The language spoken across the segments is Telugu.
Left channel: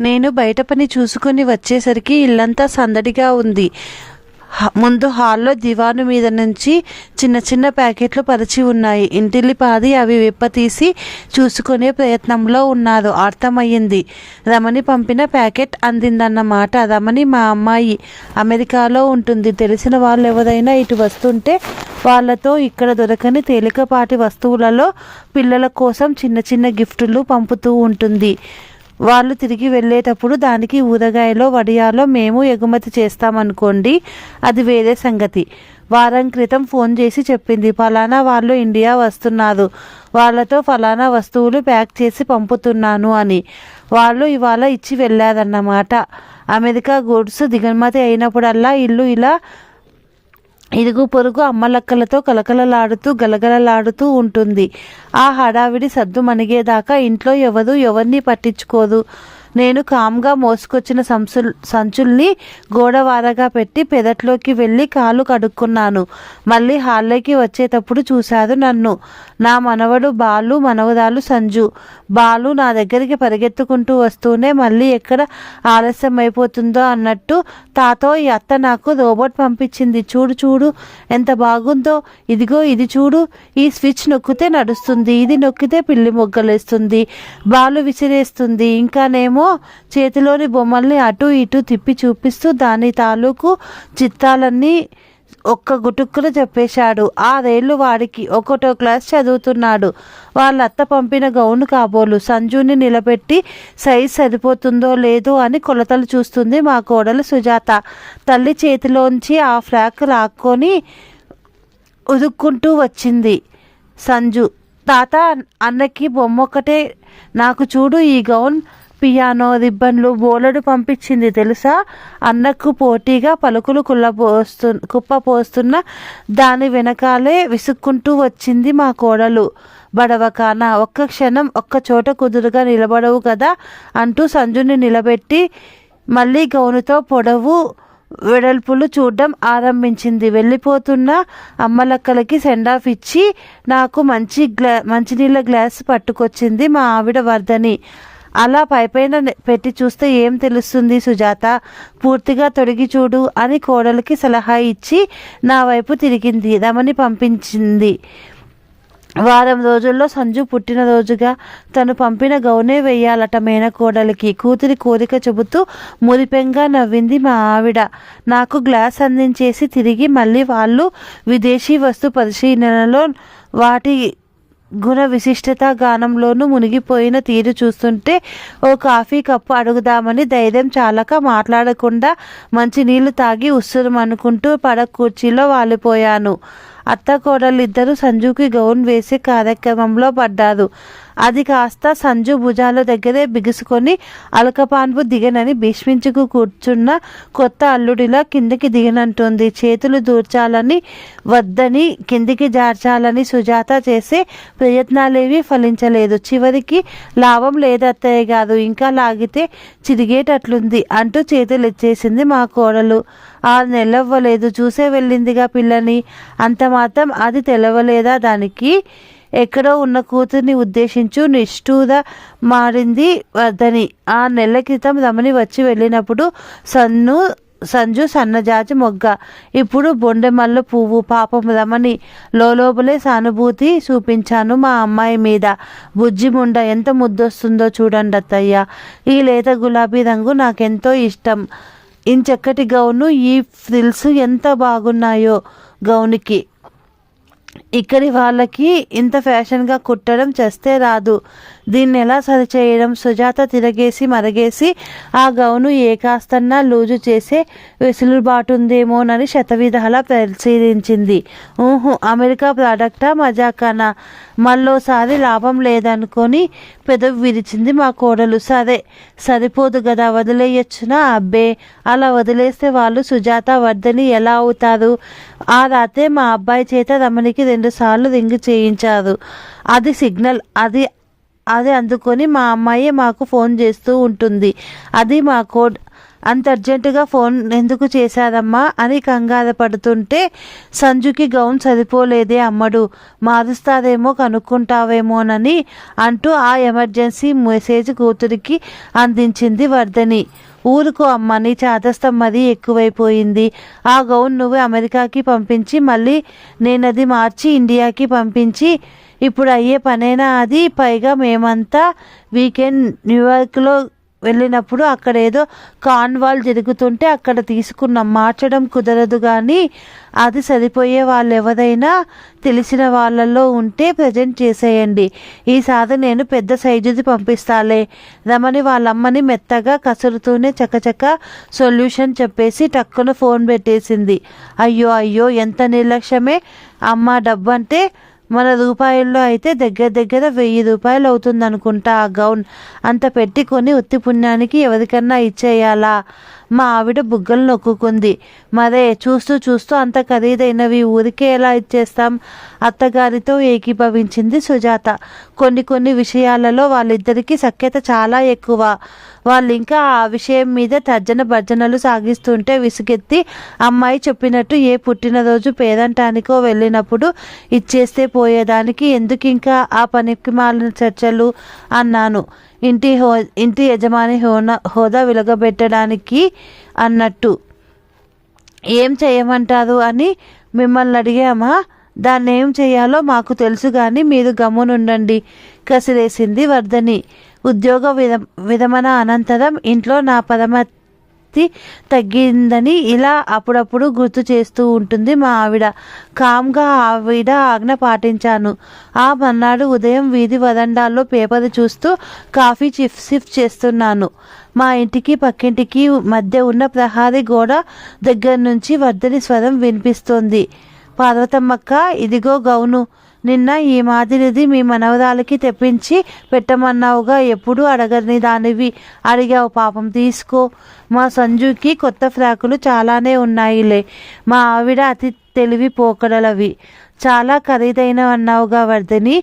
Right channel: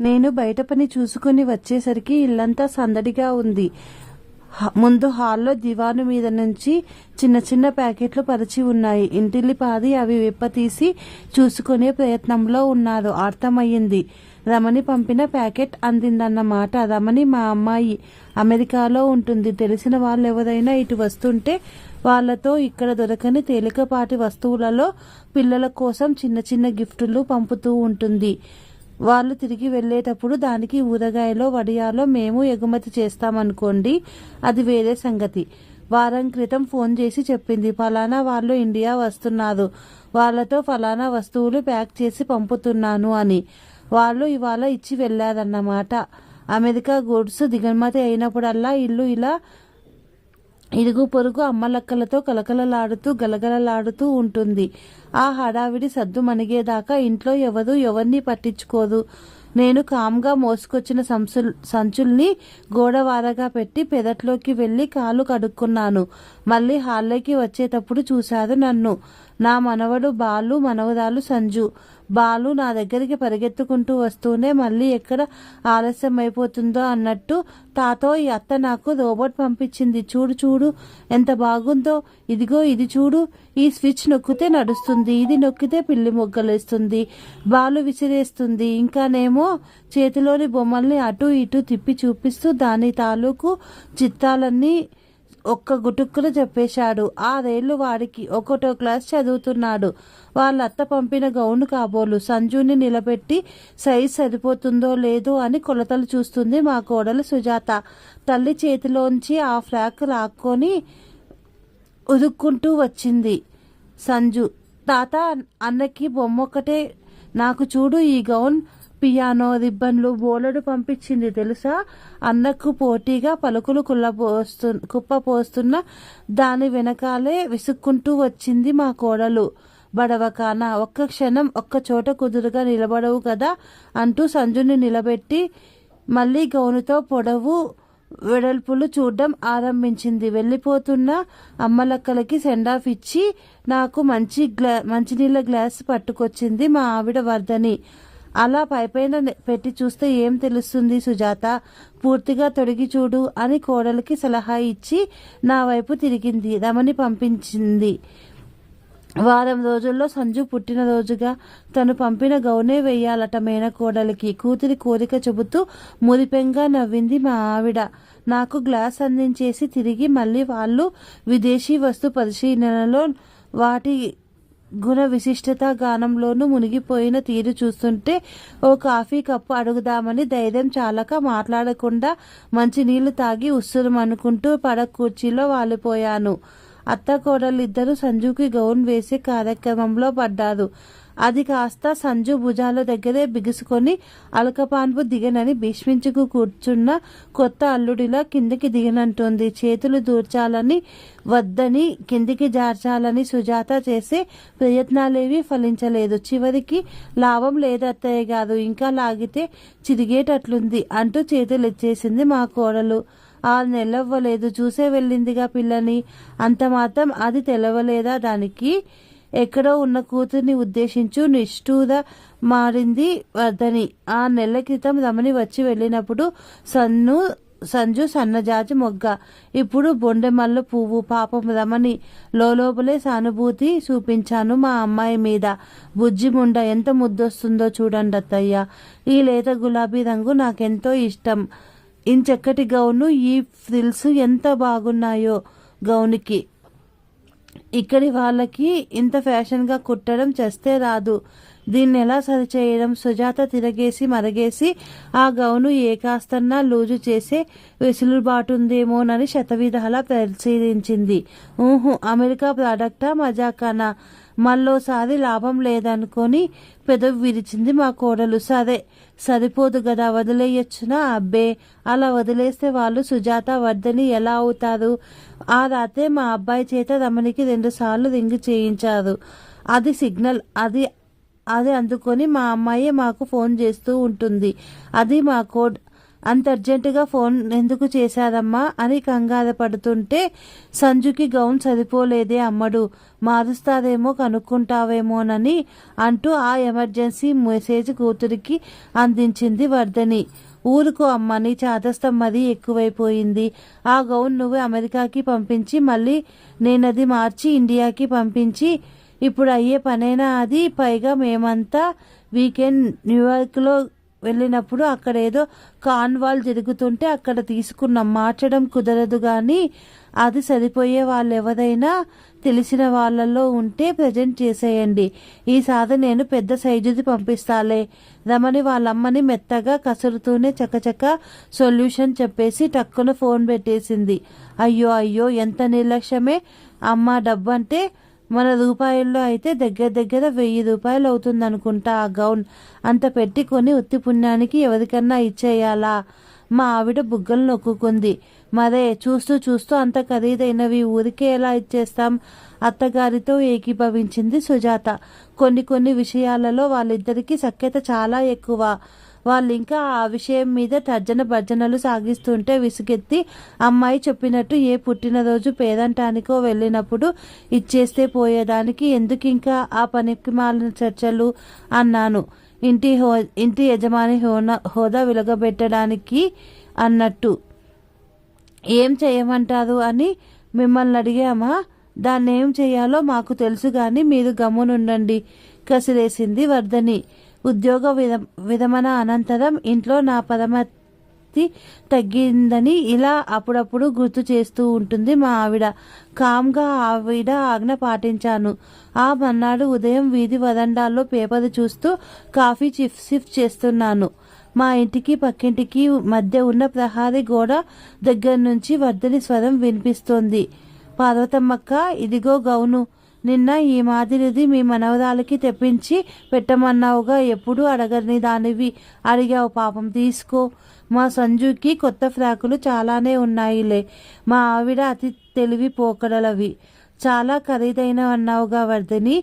నేను బయట పని చూసుకుని వచ్చేసరికి ఇల్లంతా సందడిగా ఉంది. ముందు హాల్లో దివాను మీద నుంచి చిన్న చిన్న ప్యాకెట్లు పరిచి ఉన్నాయి. ఇంటిల్లిపాది అవి విప్పతీసి చూసుకునే ప్రయత్నంలో ఉన్నారు. అర్థమయ్యింది. రమణి పంపిన ప్యాకెట్ అందిందన్నమాట. రమణి మా అమ్మాయి, అమెరికాలో ఉంటుంది. తెలిసిన వాళ్ళు ఎవరైనా ఇటు వస్తుంటే వాళ్ళతో ఇక్కడ దొరకని తేలికపాటి వస్తువులలో పిల్లల కోసం చిన్న చిన్న గిఫ్టులు పంపుతూ ఉంటుంది. వాళ్ళు తిరిగి వెళ్ళేటప్పుడు దానికి ఊరగాయలో వడియాలో మేము ఎగుమతి చేస్తామనుకోండి, అది వేరే సంగతి. వారం క్రితం ఫోన్ చేసి చెప్పింది, ఫలానా వాళ్ళు ఇండియా వస్తున్నారు, వాళ్ళతో ఫలానా వస్తువులు ప్యాక్ చేసి పంపుతున్నాను అని. వాళ్ళు ఇవాళ ఇచ్చి వెళ్ళారన్నమాట. అమెరికా గూడ్స్ దిగుమతి అయినప్పుడల్లా ఇల్లు ఇలా ఇరుగు పొరుగు అమ్మలక్కలతో కలకలలాడుతూ గలగలలాడుతూ ఉంటుంది. ఆ హడావిడి సద్దు మణిగేదాకా ఇంట్లో ఎవరిని పట్టించుకోదు. నేను కామ్గా మోసుకొచ్చిన సంచుల్ని గోడవారగా పెట్టి పెదట్లోకి వెళ్ళి కాలు కడుక్కున్నాను. మళ్ళీ హాల్లోకి వచ్చేటప్పుడు చూశారు నన్ను. నా మనవడు బాలు, మనవరాలు సంజు. బాలు నా దగ్గరికి పరిగెత్తుకుంటూ వస్తూనే మళ్ళీ ఎక్కడ ఆలస్యం అయిపోతుందో అన్నట్టు, తాతో ఈ అత్త నాకు రోబోట్ పంపించింది, చూడు చూడు ఎంత బాగుందో, ఇదిగో ఇది చూడు, ఈ స్విచ్ నొక్కితే నడుస్తుంది, ఇది నొక్కితే పిల్లి మొగ్గలేస్తుంది, బాలు విసిరేస్తుంది, ఇంకానేమో చేతిలోని బొమ్మల్ని అటు ఇటు తిప్పి చూపిస్తూ దాని తాలూకు చిత్రాలన్నీ ఒక్క గుటుక్కున చెప్పేశాడు. 6 ఏళ్ళు వాడికి. 1వ క్లాస్ చదువుతున్నాడు. వాళ్ళ అత్త పంపిన గౌను కాబోలు. సంజుని నిలబెట్టి సైజ్ సరిపోతుందో లేదో అని కొలతలు చూస్తుంది మా కోడలు సుజాత. తల్లి చేతిలోంచి ఆ ఫ్రాక్ లాక్కొని ఉదుక్కుంటూ వచ్చింది సంజు. తాత, అన్నకి బొమ్మొక్కటే, నాకు చూడు ఈ గౌన్, పియానో రిబ్బన్లు బోలెడు పంపించింది తెలుసా. అన్నకు పోటీగా పలుకులు కుప్పపోస్తున్న దాని వెనకాలే విసుక్కుంటూ వచ్చింది మా కోడలు. బడవకాన, ఒక్క క్షణం ఒక్క చోట కుదురుగా నిలబడవు కదా అంటూ సంజుని నిలబెట్టి మళ్ళీ గౌనుతో పొడవు వెడల్పులు చూడడం ఆరంభించింది. వెళ్ళిపోతున్న అమ్మలక్కలకి సెండాఫ్ ఇచ్చి నాకు మంచినీళ్ళ గ్లాస్ పట్టుకొచ్చింది మా ఆవిడ వర్ధని. అలా పైపైన పెట్టి చూస్తే ఏం తెలుస్తుంది సుజాత, పూర్తిగా తొడిగి చూడు అని కోడలికి సలహా ఇచ్చి నా వైపు తిరిగింది. రమణి పంపించింది. వారం రోజుల్లో సంజు పుట్టినరోజుగా తను పంపిన గౌనే వెయ్యాలట మేనకోడలికి. కూతురి కోరిక చెబుతూ మురిపెంగా నవ్వింది మా ఆవిడ. నాకు గ్లాస్ అందించేసి తిరిగి మళ్ళీ వాళ్ళు విదేశీ వస్తు పరిశీలనలో వాటి గుణ విశిష్టత గానంలోనూ మునిగిపోయిన తీరు చూస్తుంటే ఓ కాఫీ కప్పు అడుగుదామని ధైర్యం చాలక మాట్లాడకుండా మంచినీళ్లు తాగి ఉస్సురుమనుకుంటూ కుర్చీలో వాలిపోయాను. అత్త కోడలిద్దరూ సంజుకి గౌన్ వేసే కార్యక్రమంలో పడ్డారు. అది కాస్త సంజు భుజాల దగ్గరే బిగుసుకొని అలకపాన్పు దిగనని భీష్మించుకు కూర్చున్న కొత్త అల్లుడిలా కిందికి దిగనంటుంది. చేతులు దూర్చాలని వద్దని కిందికి జార్చాలని సుజాత చేసే ప్రయత్నాలేవి ఫలించలేదు. చివరికి లాభం లేదత్తయ్య గారు, ఇంకా లాగితే చిరిగేటట్లుంది అంటూ చేతులు ఇచ్చేసింది మా కోడలు. 6 నెలవ్వలేదు, చూసే వెళ్ళిందిగా పిల్లని, అంత మాత్రం అది తెలవలేదా దానికి? ఎక్కడో ఉన్న కూతుర్ని ఉద్దేశించు నిష్ఠూర మారింది వర్ధని. 6 నెలల క్రితం రమణి వచ్చి వెళ్ళినప్పుడు సంజు సన్నజాజి మొగ్గ, ఇప్పుడు బొండెమల్ల పువ్వు. పాపం రమణి. లోపలే సానుభూతి చూపించాను మా అమ్మాయి మీద. బుజ్జి ముండ ఎంత ముద్దొస్తుందో చూడండి అత్తయ్య. ఈ లేత గులాబీ రంగు నాకెంతో ఇష్టం. ఇంచక్కటి గౌను, ఈ ఫ్రిల్స్ ఎంత బాగున్నాయో గౌనుకి. ఇక్కడి వాళ్ళకి ఇంత ఫ్యాషన్గా కుట్టడం చేస్తే రాదు. దీన్ని ఎలా సరిచేయడం? సుజాత తిరగేసి మరగేసి ఆ గౌను ఏ కాస్తన్నా లూజు చేసే వెసులుబాటుందేమోనని శతవిధాలా పరిశీలించింది. అమెరికా ప్రోడక్టా, మజాకానా? మళ్ళోసారి లాభం లేదనుకొని పెదవి విరిచింది మా కోడలు. సరిపోదు కదా, వదిలేయచ్చునా? అబ్బే, అలా వదిలేస్తే వాళ్ళు సుజాత వర్ధని ఎలా అవుతారు? ఆ రాత్రే మా అబ్బాయి చేత రమణికి 2 సార్లు రింగ్ చేయించారు. అది సిగ్నల్. అది అందుకొని మా అమ్మాయి మాకు ఫోన్ చేస్తూ ఉంటుంది. అది మా కోడ్. అంత అర్జెంటుగా ఫోన్ ఎందుకు చేశారమ్మా అని కంగారు పడుతుంటే, సంజుకి గౌన్ సరిపోలేదే అమ్మడు, మారుస్తారేమో కనుక్కుంటావేమోనని అంటూ ఆ ఎమర్జెన్సీ మెసేజ్ కూతురికి అందించింది వర్ధని. ఊరుకో అమ్మ, నీ చాదస్తం మరీ ఎక్కువైపోయింది. ఆ గౌన్ నువ్వు అమెరికాకి పంపించి మళ్ళీ నేనది మార్చి ఇండియాకి పంపించి ఇప్పుడు అయ్యే పనేనా అది? పైగా మేమంతా వీకెండ్ న్యూయార్క్లో వెళ్ళినప్పుడు అక్కడ ఏదో కాన్వాల్ జరుగుతుంటే అక్కడ తీసుకున్నాం. మార్చడం కుదరదు, కానీ అది సరిపోయే వాళ్ళు ఎవరైనా తెలిసిన వాళ్ళల్లో ఉంటే ప్రజెంట్ చేసేయండి. ఈసారి నేను పెద్ద సైజుది పంపిస్తాలే. రమణి వాళ్ళమ్మని మెత్తగా కసురుతూనే చకచక సొల్యూషన్ చెప్పేసి టక్కున ఫోన్ పెట్టేసింది. అయ్యో అయ్యో, ఎంత నిర్లక్ష్యమే అమ్మ. డబ్బంటే మన రూపాయల్లో అయితే దగ్గర దగ్గర 1000 రూపాయలు అవుతుంది అనుకుంటా ఆ గౌన్. అంత పెట్టి కొని ఉత్తి పుణ్యానికి ఎవరికన్నా ఇచ్చేయాలా? మా ఆవిడ బుగ్గలు నొక్కుంది. మరే, చూస్తూ చూస్తూ అంత ఖరీదైనవి ఊరికే ఎలా ఇచ్చేస్తాం? అత్తగారితో ఏకీభవించింది సుజాత. కొన్ని విషయాలలో వాళ్ళిద్దరికీ సఖ్యత చాలా ఎక్కువ. వాళ్ళు ఇంకా ఆ విషయం మీద తర్జన భర్జనలు సాగిస్తుంటే విసుగెత్తి, అమ్మాయి చెప్పినట్టు ఏ పుట్టినరోజు పేరంటానికో వెళ్ళినప్పుడు ఇచ్చేస్తే పోయేదానికి ఎందుకు ఇంకా ఆ పనికి మాలిన చర్చలు అన్నాను. ఇంటి యజమాని హోదా వెలగబెట్టడానికి అన్నట్టు. ఏం చేయమంటారు అని మిమ్మల్ని అడిగామా? దాన్ని ఏం చేయాలో మాకు తెలుసు, కానీ మీరు గమ్మునుండండి కసిరేసింది వర్ధని. ఉద్యోగ విరమణ అనంతరం ఇంట్లో నా పరమతి తగ్గిందని ఇలా అప్పుడప్పుడు గుర్తు చేస్తూ ఉంటుంది మా ఆవిడ. కామ్గా ఆవిడ ఆజ్ఞ పాటించాను. ఆ మర్నాడు ఉదయం వీధి వరండాల్లో పేపర్ చూస్తూ కాఫీ సిప్ చేస్తున్నాను. మా ఇంటికి పక్కింటికి మధ్య ఉన్న ప్రహారీ గోడ దగ్గర నుంచి వర్ధని స్వరం వినిపిస్తోంది. పార్వతమ్మక్క, ఇదిగో గౌను. నిన్న ఈ మాదిరిది మీ మనవరాలకి తెప్పించి పెట్టమన్నావుగా, ఎప్పుడు అడగని దానివి అడిగావు. పాపం, తీసుకో. మా సంజుకి కొత్త ఫ్రాకులు చాలానే ఉన్నాయిలే. మా ఆవిడ అతి తెలివి పోకడలవి. చాలా ఖరీదైన అన్నావుగా వర్ధని,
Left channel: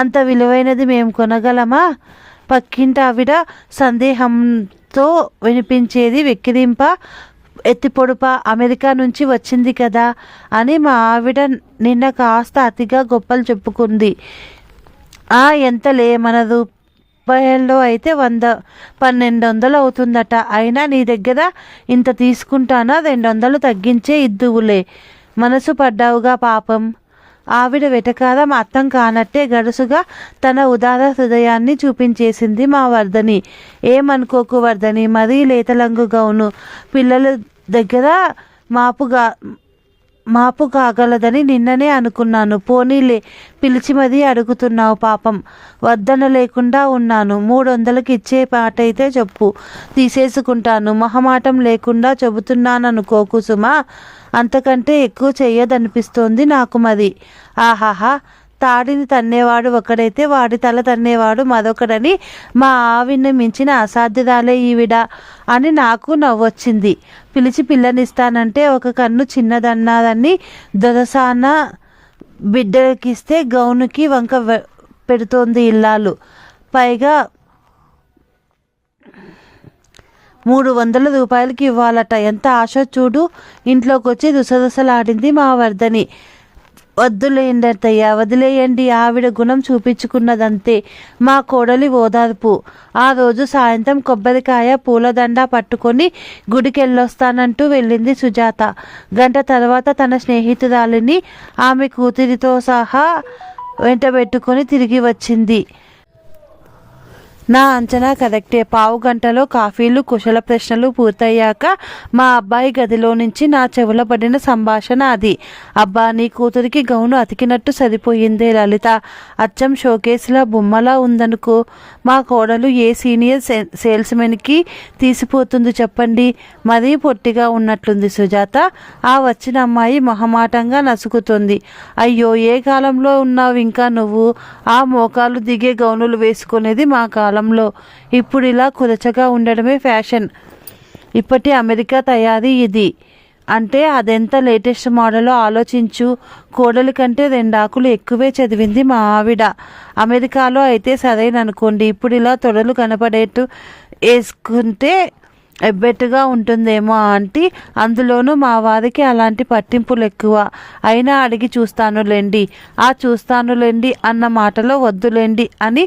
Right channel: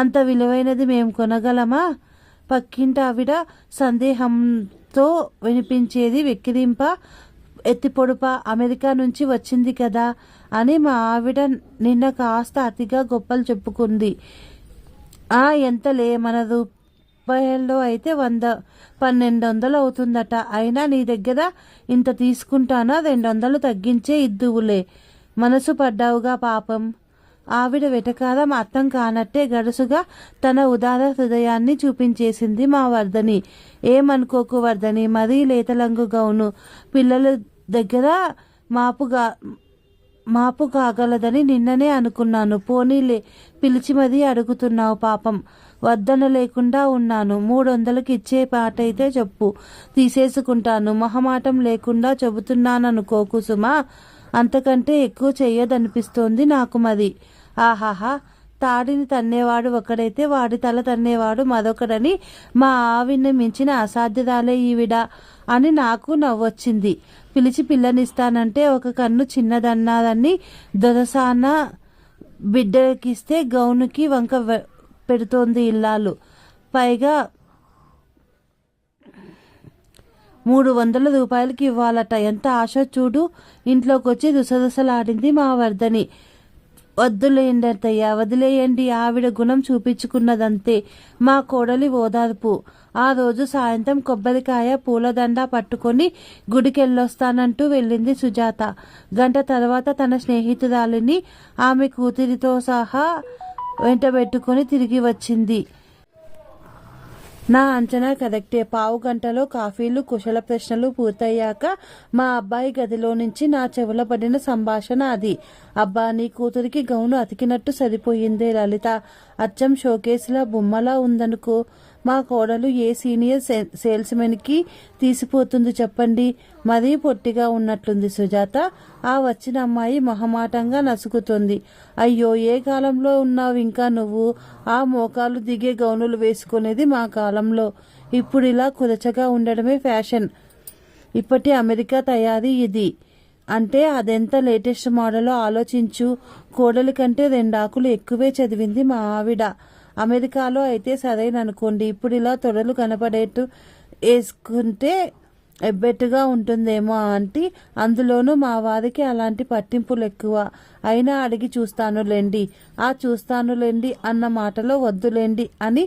అంత విలువైనది మేము కొనగలమా? పక్కింటి ఆవిడ సందేహంతో వినిపించేది. వెక్కిరింప, ఎత్తిపొడుప, అమెరికా నుంచి వచ్చింది కదా అని మా ఆవిడ నిన్న కాస్త అతిగా గొప్పలు చెప్పుకుంది. ఎంతలే, మన రూపాయల్లో అయితే 100-1200 అవుతుందట. అయినా నీ దగ్గర ఇంత తీసుకుంటానా? 200 తగ్గించే ఇద్దువులే. మనసు పడ్డావుగా పాపం. ఆవిడ వెటకారం అర్థం కానట్టే గడుసుగా తన ఉదార హృదయాన్ని చూపించేసింది మా వర్ధని. ఏమనుకోకు వర్ధని, మరీ లేతలంగు గౌను పిల్లల దగ్గర మాపు కాగలదని నిన్ననే అనుకున్నాను. పోనీలే, పిలిచి మరీ అడుగుతున్నావు పాపం. వద్దన లేకుండా ఉన్నాను. 300కి ఇచ్చే పాటైతే చెప్పు, తీసేసుకుంటాను. మొహమాటం లేకుండా చెబుతున్నాననుకోకు సుమా. అంతకంటే ఎక్కువ చెయ్యదనిపిస్తోంది నాకు మరి. ఆహాహా, తాడిని తన్నేవాడు ఒకడైతే వాడి తల తన్నేవాడు మరొకడని మా ఆవిడ్ని మించిన అసాధ్యురాలే ఈవిడ అని నాకు నవ్వొచ్చింది. పిలిచి పిల్లనిస్తానంటే ఒక కన్ను చిన్నదన్నారని దొరసాన బిడ్డకిస్తే గౌనుకి వంక పెడుతోంది ఇల్లాలు. పైగా 300 రూపాయలకి ఇవ్వాలట. ఎంత ఆశ చూడు. ఇంట్లోకి వచ్చి రుసరుసలాడింది మా వర్ధని. వద్దులేయండి అత్తయ్య, వదిలేయండి. ఆవిడ గుణం చూపించుకున్నదంతే. మా కోడలి ఓదార్పు. ఆ రోజు సాయంత్రం కొబ్బరికాయ పూలదండ పట్టుకొని గుడికెళ్ళొస్తానంటూ వెళ్ళింది సుజాత. గంట తర్వాత తన స్నేహితురాలిని ఆమె కూతురితో సహా వెంటబెట్టుకొని తిరిగి వచ్చింది. నా అంచనా కరెక్టే. పావు గంటలో కాఫీలు కుశల ప్రశ్నలు పూర్తయ్యాక మా అబ్బాయి గదిలో నుంచి నా చెవుల పడిన సంభాషణ అది. అబ్బా, నీ కూతురికి గౌను అతికినట్టు సరిపోయిందే లలిత. అచ్చం షోకేసులా బొమ్మలా ఉందనుకో. మా కోడలు ఏ సీనియర్ సేల్స్మెన్కి తీసిపోతుంది చెప్పండి. మరీ పొట్టిగా ఉన్నట్లుంది సుజాత. ఆ వచ్చిన అమ్మాయి మొహమాటంగా నసుకుతుంది. అయ్యో, ఏ కాలంలో ఉన్నావు ఇంకా నువ్వు? ఆ మోకాలు దిగే గౌనులు వేసుకునేది మా కాలంలో. ఇప్పుడు ఇలా కురచగా ఉండడమే ఫ్యాషన్. ఇప్పటి అమెరికా తయారీ ఇది. అంటే అదెంత లేటెస్ట్ మోడలో ఆలోచించు. కోడలి కంటే 2 ఆకులు ఎక్కువే చదివింది మా ఆవిడ. అమెరికాలో అయితే సరైన అనుకోండి. ఇప్పుడు ఇలా తొడలు కనపడేట్టు వేసుకుంటే ఎబ్బెట్టుగా ఉంటుందేమో ఆంటీ, అందులోనూ మా వారికి అలాంటి పట్టింపులు ఎక్కువ. అయినా అడిగి చూస్తానులేండి. ఆ చూస్తానులేండి అన్న మాటలో వద్దులేండి అని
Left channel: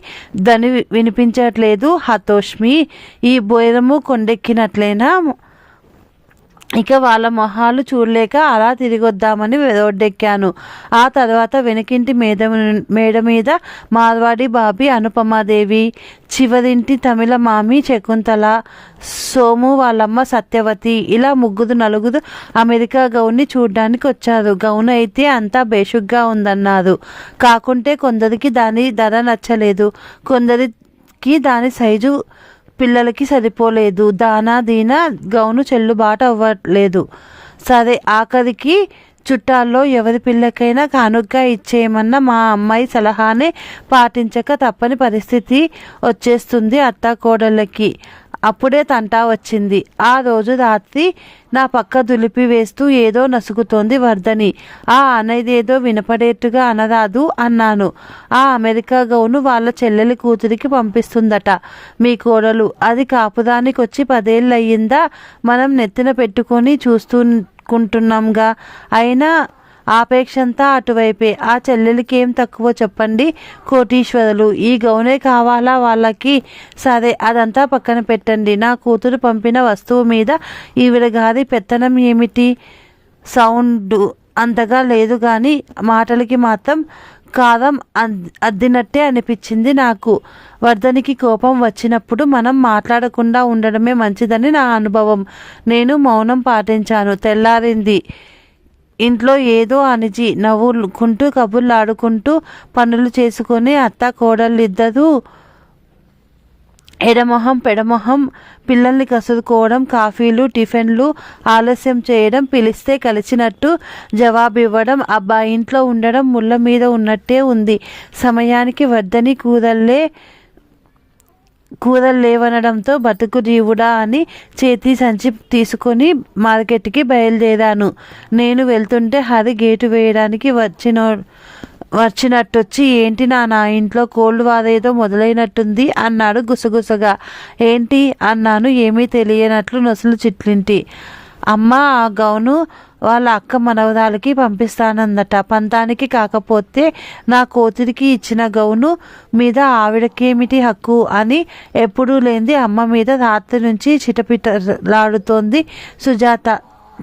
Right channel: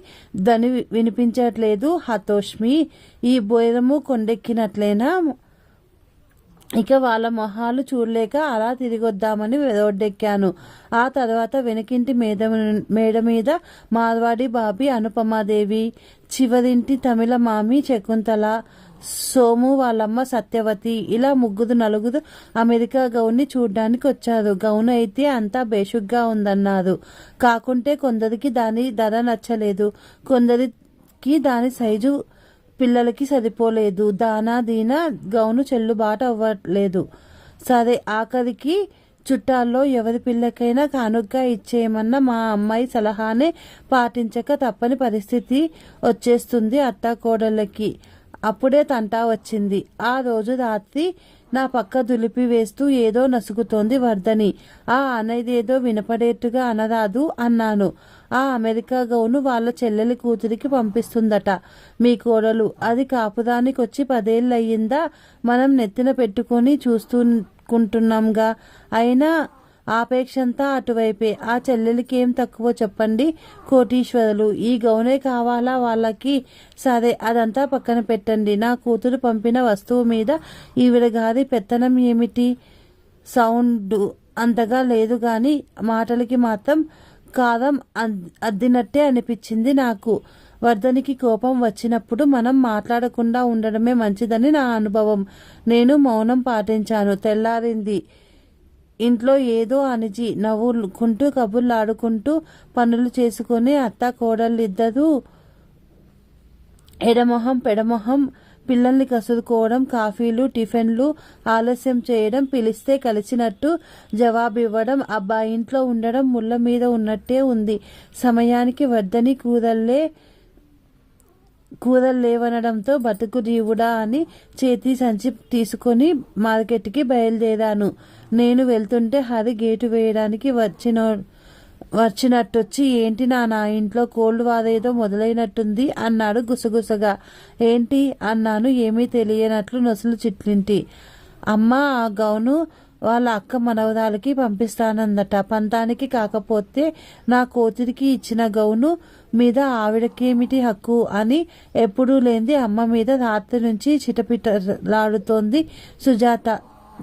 దని వినిపించట్లేదు హతోష్మి. ఈ బోయరము కొండెక్కినట్లేనా? ఇక వాళ్ళ మొహాలు చూడలేక అలా తిరిగొద్దామని రోడ్డెక్కాను. ఆ తర్వాత వెనకింటి మేడ మీద మార్వాడి బాబీ, అనుపమాదేవి, చివరింటి తమిళ మామి శకుంతల, సోము వాళ్ళమ్మ సత్యవతి, ఇలా నలుగురు అమెరికా గౌన్ని చూడ్డానికి వచ్చారు. గౌన్ అయితే అంతా బేషుగ్గా ఉందన్నారు. కాకుంటే కొందరికి దాని ధర నచ్చలేదు, కొందరికి దాని సైజు పిల్లలకి సరిపోలేదు, దానా దీనా గౌను చెల్లుబాటు అవ్వలేదు. సరే, ఆఖరికి చుట్టాల్లో ఎవరి పిల్లకైనా కానుగ్గా ఇచ్చేయమన్న మా అమ్మాయి సలహానే పాటించక తప్పని పరిస్థితి వచ్చేస్తుంది అత్తాకోడళ్ళకి. అప్పుడే తంటా వచ్చింది. ఆ రోజు రాత్రి నా పక్క దులిపి వేస్తూ ఏదో నసుగుతోంది వర్ధని. ఆ అనేదేదో వినపడేట్టుగా అనరాదు అన్నాను. ఆ అమెరికా గౌను వాళ్ళ చెల్లెలి కూతురికి పంపిస్తుందట మీ కోడలు. అది కాపుదానికి వచ్చి 10 ఏళ్ళయ్యిందా? మనం నెత్తిన పెట్టుకొని చూస్తుంటున్నాంగా. అయినా ఆపేక్షంతా అటువైపే. ఆ చెల్లెలికి ఏం తక్కువ చెప్పండి, కోటీశ్వరులు. ఈ గౌనే కావాలా వాళ్ళకి? సరే, అదంతా పక్కన పెట్టండి. నా కూతురు పంపిన వస్తువు మీద ఈవిడ గారి పెత్తనం ఏమిటి? సౌండ్ అంతగా లేదు కానీ మాటలకి మాత్రం కారం అద్దినట్టే అనిపించింది నాకు. వర్ధనికి కోపం వచ్చినప్పుడు మనం మాట్లాడకుండా ఉండడమే మంచిదని నా అనుభవం. నేను మౌనం పాటించాను. తెల్లారింది. ఇంట్లో ఏదో అనిజి నవ్వుకుంటూ కబుర్లాడుకుంటూ పనులు చేసుకొని అత్త కోడళ్ళిద్దరూ ఎడమొహం పెడమొహం పిల్లల్ని కసురుకోవడం, కాఫీలు టిఫిన్లు ఆలస్యం చేయడం, పిలిస్తే కలిసినట్టు జవాబివ్వడం. అబ్బా, ఇంట్లో ఉండడం ముళ్ళ మీద ఉన్నట్టే ఉంది. సమయానికి వర్ధని కూరలేవనడంతో బతుకు జీవుడా అని చేతి సంచి తీసుకొని మార్కెట్కి బయలుదేరాను. నేను వెళ్తుంటే హరి గేటు వేయడానికి వచ్చినట్టొచ్చి, ఏంటి నా ఇంట్లో కోల్డ్ వారేదో మొదలైనట్టుంది అన్నాడు గుసగుసగా. ఏంటి అన్నాను ఏమీ తెలియనట్లు నొసలు చిట్లింటి. అమ్మ, ఆ గౌను వాళ్ళ అక్క మనవరాలకి పంపిస్తానందట. పంతానికి కాకపోతే నా కూతురికి ఇచ్చిన గౌను మీద ఆవిడకేమిటి హక్కు అని ఎప్పుడూ లేంది అమ్మ మీద రాత్రి నుంచి చిటపిటలాడుతోంది సుజాత,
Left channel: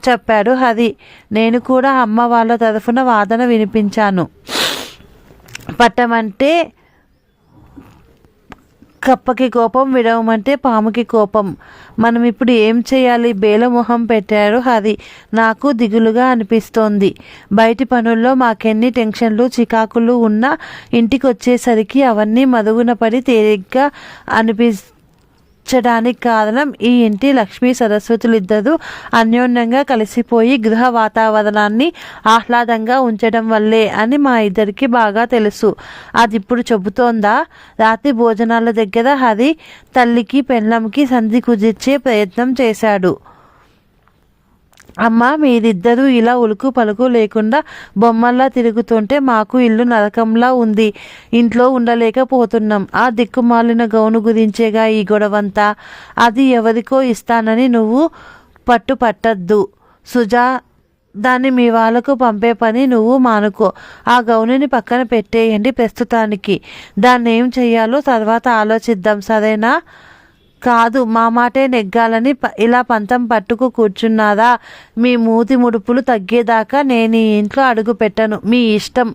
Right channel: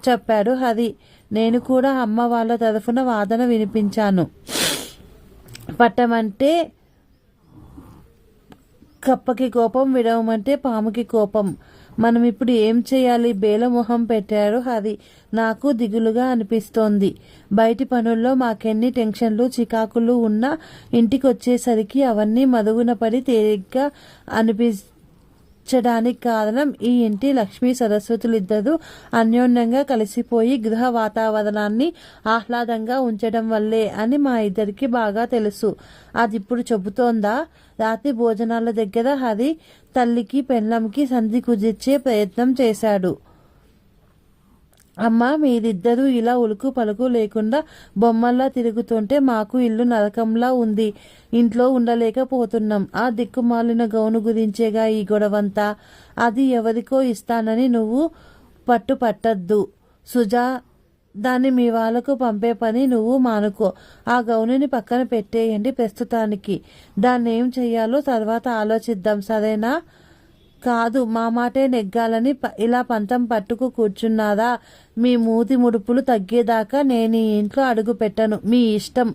చెప్పాడు హరి. నేను కూడా అమ్మ వాళ్ళ తరఫున వాదన వినిపించాను. పట్టమంటే కప్పకి కోపం, విడవమంటే పాముకి కోపం. మనం ఇప్పుడు ఏం చేయాలి? బేలమొహం పెట్టాడు హరి. నాకు దిగులుగా అనిపిస్తోంది. బయటి పనుల్లో మాకెన్ని టెన్షన్లు చికాకులు ఉన్నా ఇంటికి వచ్చేసరికి అవన్నీ మరుగున పడి తేలిగ్గా అనిపించడానికి కారణం ఈ ఇంటి లక్ష్మీ సరస్వతులిద్దరూ అన్యోన్యంగా కలిసిపోయి గృహ వాతావరణాన్ని ఆహ్లాదంగా ఉంచడం వల్లే అని మా ఇద్దరికి బాగా తెలుసు. అది ఇప్పుడు చెబుతోందా? రాత్రి భోజనాల దగ్గర హరి తల్లికి పెళ్ళంకి సంధి కుదిర్చే ప్రయత్నం చేశాడు. అమ్మ, మీరిద్దరూ ఇలా ఉలుకు పలుకు లేకుండా బొమ్మల్లా తిరుగుతుంటే మాకు ఇల్లు నరకంలా ఉంది. ఇంట్లో ఉండలేకపోతున్నాం. ఆ దిక్కుమాలిన గౌను గురించేగా ఈ గొడవంతా. అది ఎవరికో ఇస్తానని నువ్వు పట్టద్దు సుజా. దాన్ని మీ వాళ్ళకు పంపే పని నువ్వు మానుకో. ఆ గౌనుని పక్కన పెట్టేయండి ప్రస్తుతానికి. దాన్ని ఏం చెయ్యాలో తర్వాత ఆలోచిద్దాం, సరేనా? కాదు, మా మాటే నెగ్గాలని ఇలా పంతం పట్టుకు కూర్చున్నారా? మీ మూతి ముడుపులు తగ్గేదాకా నేను ఈ ఇంట్లో అడుగు పెట్టను, మీ ఇష్టం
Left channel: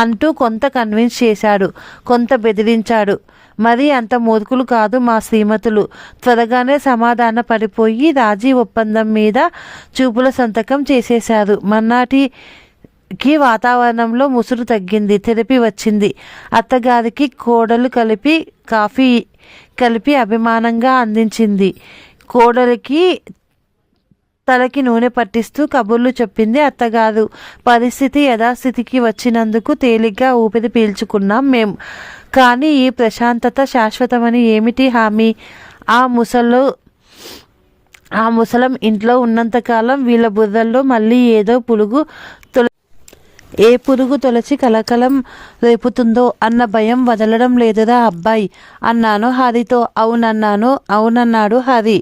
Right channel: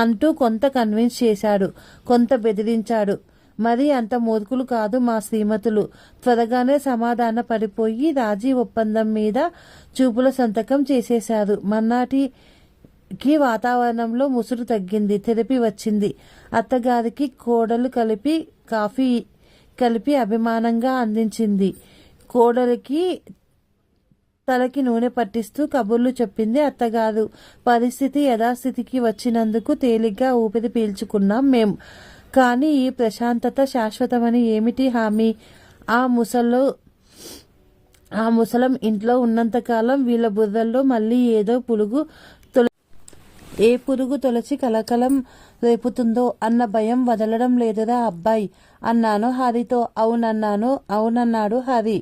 అంటూ కొంత కన్విన్స్ చేశాడు, కొంత బెదిరించాడు. మరీ అంత మూర్ఖులు కాదు మా శ్రీమతులు. త్వరగానే సమాధాన పడిపోయి రాజీ ఒప్పందం మీద చూపుల సంతకం చేసేశారు. మన్నాటికి వాతావరణంలో ముసురు తగ్గింది, తెరపి వచ్చింది. అత్తగారికి కోడలు కాఫీ కలిపి అభిమానంగా అందించింది. కోడలికి తలకి నూనె పట్టిస్తూ కబుర్లు చెప్పింది అత్తగారు. పరిస్థితి యథాస్థితికి వచ్చినందుకు తేలిగ్గా ఊపిరి పీల్చుకున్నాం మేం. కానీ ఈ ప్రశాంతత శాశ్వతమని ఏమిటి హామీ? ఆ ముసలం ఇంట్లో ఉన్నంతకాలం వీళ్ళ బుర్రల్లో మళ్ళీ ఏదో పులుగు ఏ పురుగు తొలచి కలకలం రేపుతుందో అన్న భయం వదలడం లేదురా అబ్బాయి అన్నాను హరితో. అవునన్నాడు హరి.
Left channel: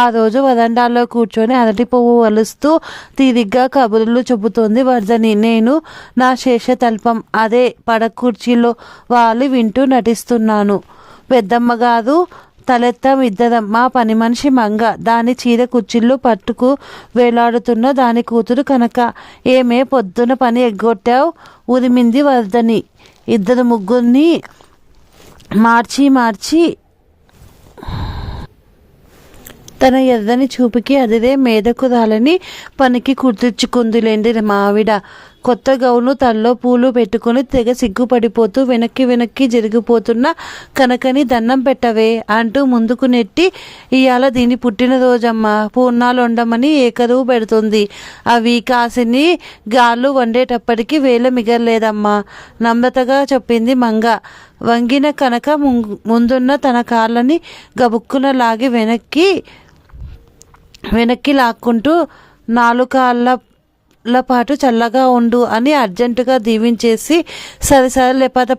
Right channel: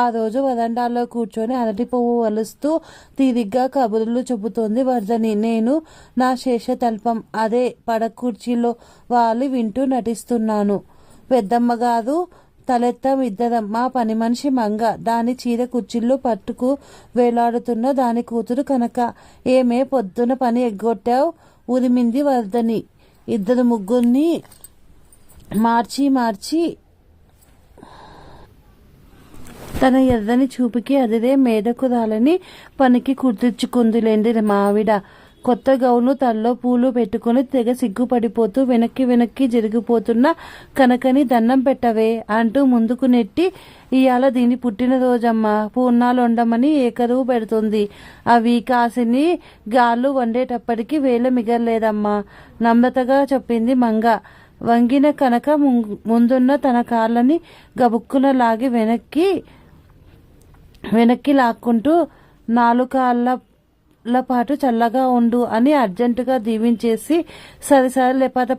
ఆ రోజు వరండాలో కూర్చొని అరటి పువ్వు వలుస్తూ తీరిగ్గా కబుర్లు చెబుతోంది వర్ధని. నేను నా శేషతల్పం అదే పడకుర్చీలో వాలి వింటూ నటిస్తున్నాను. పెద్దమ్మగారు తలెత్తం ఇద్దరం. మా పని మనిషి మంగ, దాని చీర కుచ్చిళ్ళు పట్టుకు వేలాడుతున్న దాని కూతురు కనక. ఏమే పొద్దున పని ఎగ్గొట్టావు ఉరిమింది వర్ధని. ఇద్దరు ముగ్గురిని మార్చి తన ఎర్రని చూపుకి అదిరే మేదకు రాలని పనికి కుర్తిచ్చుకుందిలేండి మా ఆవిడ. కొత్త గౌను తల్లో పూలు పెట్టుకుని తెగ సిగ్గుపడిపోతూ వెనక్కి జరిగిపోతున్న కనకని దండం పెట్టవే అంటూ ముందుకు నెట్టి, ఇవాళ దీని పుట్టినరోజమ్మ, పూర్ణాలు వండమని ఏకరువు పెడుతుంది. అవి కాసిని గాళ్ళు వండేటప్పటికి వేల మిగలలేదమ్మా నమ్రతగా చెప్పింది మంగ. వంగిన కనక ముందున్న తన కాళ్ళని గబుక్కున లాగి వెనక్కి లాక్కుంటూ 4 కాళ్ళ పాటు చల్లగా ఉండు అని అర్జెంటుగా దీవించేసి, సరే పద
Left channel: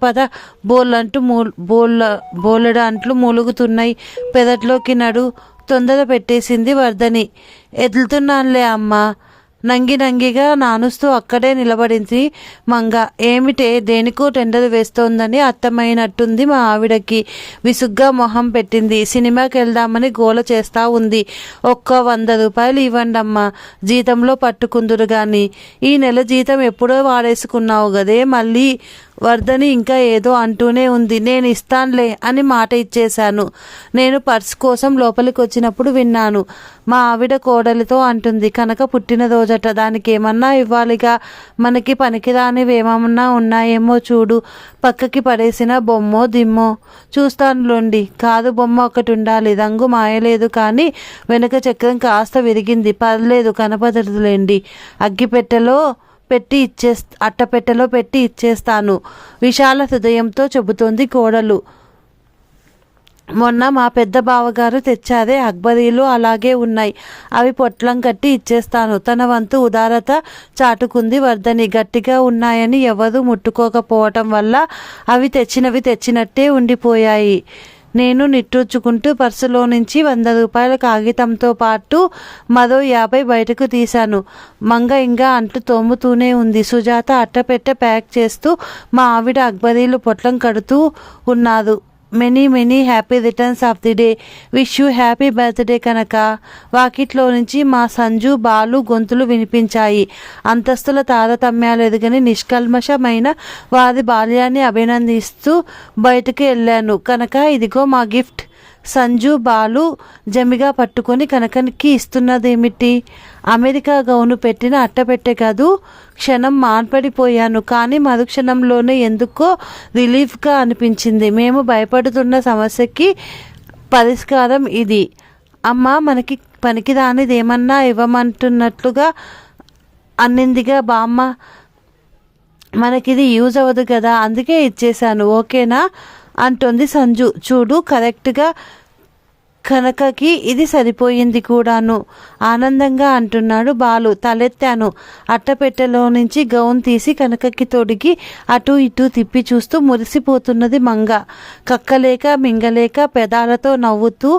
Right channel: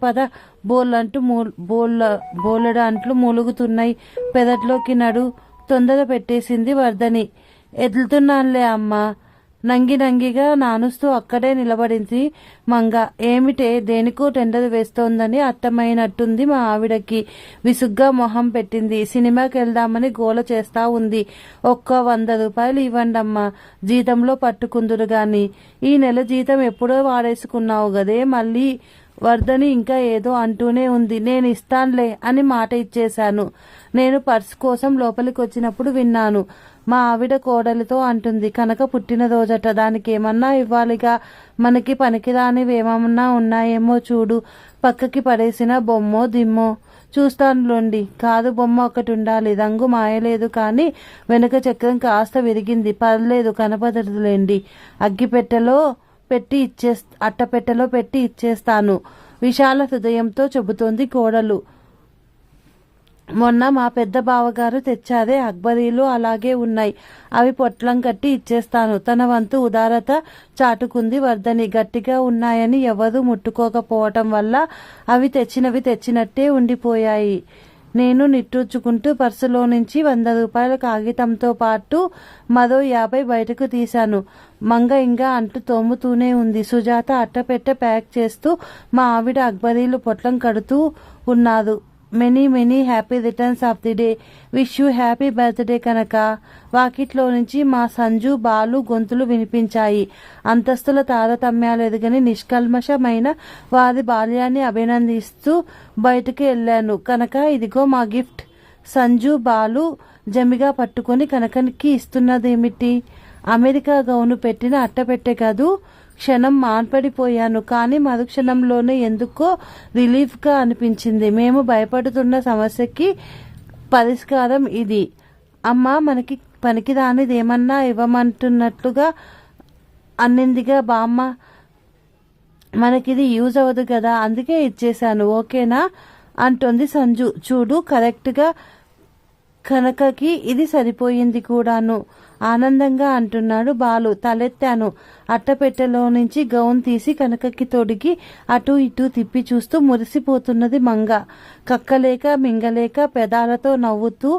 బోలెడు అంట్లు మూలుగుతున్నాయి, పెదట్లోకి నడు తొందర పెట్టేసింది వర్ధని. ఎదులుతున్నానులే అమ్మా నంగిగా నానుస్తూ అక్కడే నిలబడింది మంగ. ఏమిటే దేనికో టెండర్ వేస్తోందని అర్థమైనట్టుంది మా ఆవిడకి. విసుగ్గా మొహం పెట్టింది. సినిమాకి వెళ్దామని గోల చేస్తా ఉంది. ఒక్క 100 రూపాయలు ఇవ్వండమ్మా, జీతంలో పట్టుకుందురు గాని. ఈ నెల జీతం ఎప్పుడో వాడేసుకున్నావు గదే మళ్ళీ. వర్ధని ఇంకా ఏదో అంటూనే ఉంది. నేను ఇస్తానులే అని మాట ఇచ్చేశాను. నేను పర్స్ కోసం లోపలికి వచ్చినప్పుడు విన్నాను. మా ఆవిడ కోడలితో అంటుంది, కనుక పుట్టినరోజట, దానికి ఏమన్నా ఇవ్వాలిగా, మనకి పనికిరానివేమన్నా ఉన్నాయేమో చూడు, పక్కకి పడేసిన బొమ్మో దిమ్మో. చూస్తానులోండి. కాదు, బొమ్మ ఒకటి ఉండాలి, రంగు మాయలేదు కానీ వెనుక చక్రం కాస్త విరిగింది, పర్లేదు కనపడదులేండి, అట్టపెట్టెలో పెట్టి ఇచ్చేస్తాను విశాల హృదయంతో చెబుతోంది కోడలు. మొన్న మా పెద్ద బావగారు తెచ్చారే అక్బరీలు అలాగే ఉన్నాయి, అవి పొట్లం కట్టి ఇచ్చేస్తాను. తన వంతు ఉదారత చాటుకుంది వర్ధని. గట్టిగా ఉన్నాయని ఎవరూ ముట్టుకోకపోవటం వల్ల అవి తెచ్చినట్టే ఉండిపోయాయి. నేను నిట్టూర్చుకుంటూ పర్సులో నుంచి 100 రూపాయల కాగితంతో పాటు మరో 50 బయటకు తీశాను. మంగ ఇంకా అంట్లు తోముతూనే ఉంది. సుజాత అట్టపెట్టె ప్యాక్ చేస్తూ మా ఆవిడ అక్బరీలు పొట్లం కడుతూ ఉన్నారు. Many happy returns of the day, wish you happy birthday కనుక. వాకిట్లో నుంచి మా సంజు బాలు గొంతులు వినిపించాయి. అంతస్తుల తారతమ్యాలు ఎదుగని నిష్కల్మషమైన వారి బాల్యాన్ని అభినందిస్తూ బయటకు వెళ్ళాను. కనుక ఇదిగో మా గిఫ్ట్. సంజు బాలు జమిగా పట్టుకొని కనకనికి ఇస్తున్నదేమిటి? అమెరికా గౌను పెట్టిన అట్టపెట్టె కాదు. క్షణం మాన్పడిపోయాను. కానీ మరుక్షణంలోనే ఎందుకో రిలీఫ్గా అనిపించింది. మేము భయపడుతున్న సమస్యకి పరిష్కారం ఇది. అమ్మ, మనకి పనికిరానిదేమన్నా ఇవ్వమంటున్నట్లుగా అన్నిందిగా బామ్మ. మనకిది యూజ్ అవ్వదు కదా, అందుకే ఇచ్చేశాను, ఓకేనా అంటుంది సంజు. చూడు, కరెక్ట్గా కనకకి ఇది సరిపోయింది కూడాను ఆనందంగా అంటున్నాడు బాలు. తలెత్తాను. అట్టపెట్టెలో నుంచి గౌన్ తీసి కనకకి తొడిగి అటు ఇటు తిప్పి చూస్తూ మురిసిపోతున్నది మంగ. కక్కలేక మింగలేక పెదాలతో నవ్వుతూ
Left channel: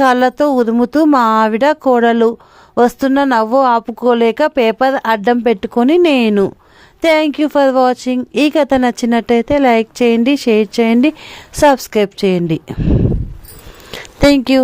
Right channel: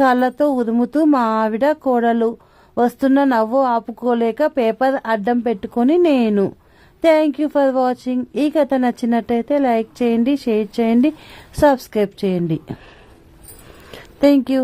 కాళ్ళతో ఉరుముతూ మా ఆవిడ కోడలు. వస్తున్న నవ్వు ఆపుకోలేక పేపర్ అడ్డం పెట్టుకొని నేను. Thank you for watching. ఈ కథ నచ్చినట్టయితే లైక్ చేయండి, షేర్ చేయండి, సబ్స్క్రైబ్ చేయండి. Thank you.